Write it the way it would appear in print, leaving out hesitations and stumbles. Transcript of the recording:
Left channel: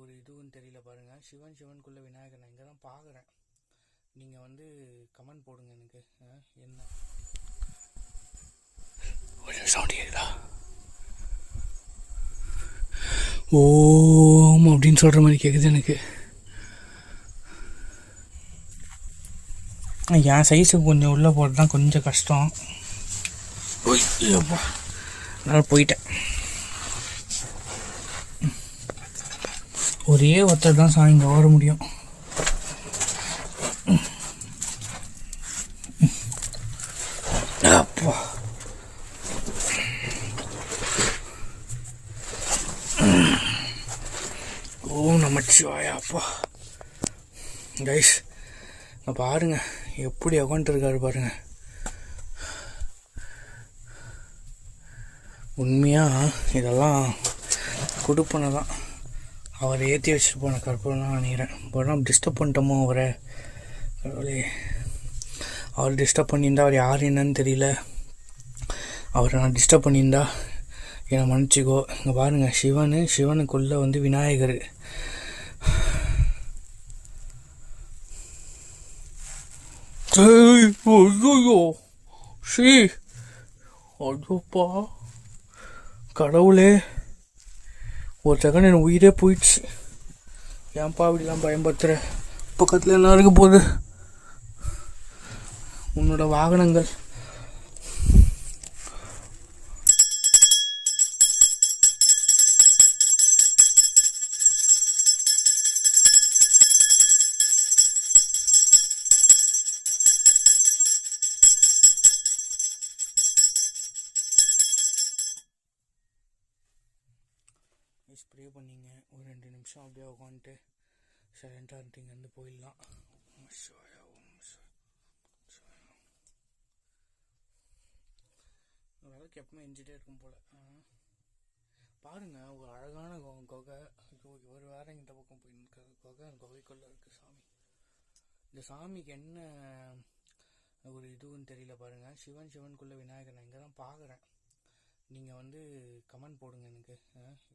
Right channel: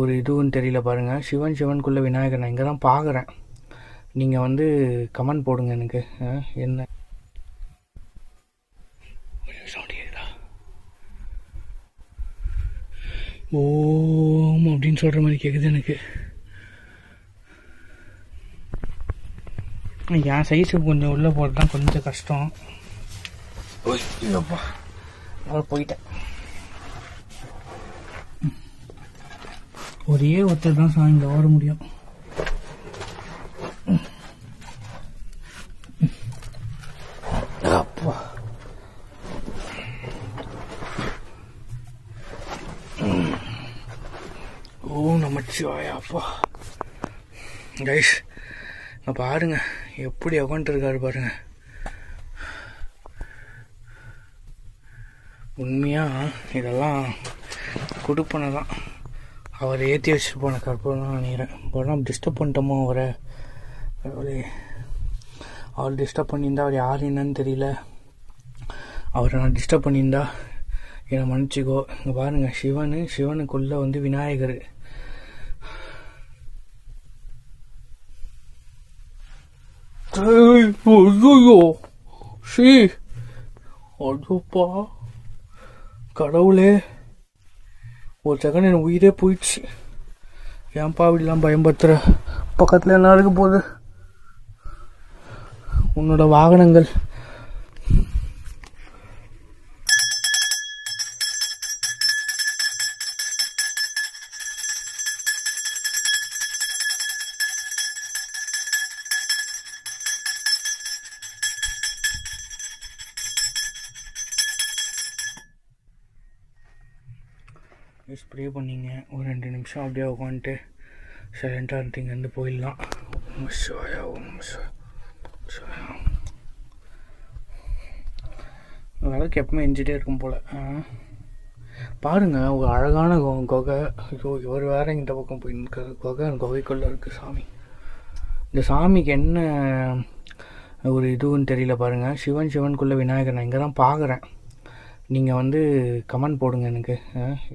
ஒரு இதுவும் தெரியல பாருங்கள். சிவனுக்குள்ளே விநாயகர் நான் இங்கே தான் பார்க்குறேன். நீங்கள் வந்து கமெண்ட் போடுங்க எனக்கு. என்ன சவுண்ட் கேட்குதா? ஓம் அப்படின்னு சொல்கிற மாதிரி கேட்குது எனக்கு. என் சைஸுக்கு கொஞ்சம் உள்ளே போட்டு தான் கொஞ்சம் கஷ்டம். ஓய்ப்பா அதனால் போயிட்டேன். ஒரே ஒருத்தர் தான் சாயங்க வர முடியும். அப்பா ஓம் நமச்சிவாயா. அப்பா கைஸ் நான் பாருங்க எப்படி உட்காந்துருக்காரு பாருங்க. உண்மையாக இதெல்லாம் கொடுப்பனை தான். அவரை ஏற்றி வச்சுட்டு போன கற்பனை தான் நினைக்கிறேன். பட் டிஸ்டர்ப் பண்ணிட்டோமோ அவரை. கடவுளே, அவர் டிஸ்டர்ப் பண்ணியிருந்தா அவர் யார் என்னன்னு தெரியல. அவரை நான் டிஸ்டர்ப் பண்ணியிருந்தா என்னை மன்னிச்சிக்கோ. இங்கே பாருங்கள், சிவனுக்குள்ளே வந்து விநாயகர். ஐயோ ஐயோப்பா கடவுளே, ஒரு செகண்ட் என் உயிரே போயிடுச்சு. ஏன்பா அப்படிலாம் பயன்படுத்துகிற? பக்கத்தில் என்ன இருக்க போகுது? உன்னோட வாகனங்கள். ஸ்ப்ரே பண்ணிங்க. ஒரு 2 நிமிஷம் அப்படியே உட்காந்துட்டு சைலண்ட்டாக இருந்துட்டு இங்கேருந்து போயிடலாம். விளக்கு எப்பவுமே எஞ்சிட்டே இருக்கும் போல். பாருங்கள், ஒரு அழகான குகை. ஐயோ, இவர் வேறு இந்த பக்கம் போய் நிற்கிறது. குகைக்குள்ளே இருக்குது சாமி. இந்த சாமிக்கு என்ன ஒரு இதுவும் தெரியல பாருங்கள். சிவனுக்குள்ளே விநாயகர் நான் இங்கே தான் பார்க்குறேன். நீங்கள் வந்து கமெண்ட் போடுங்க எனக்கு.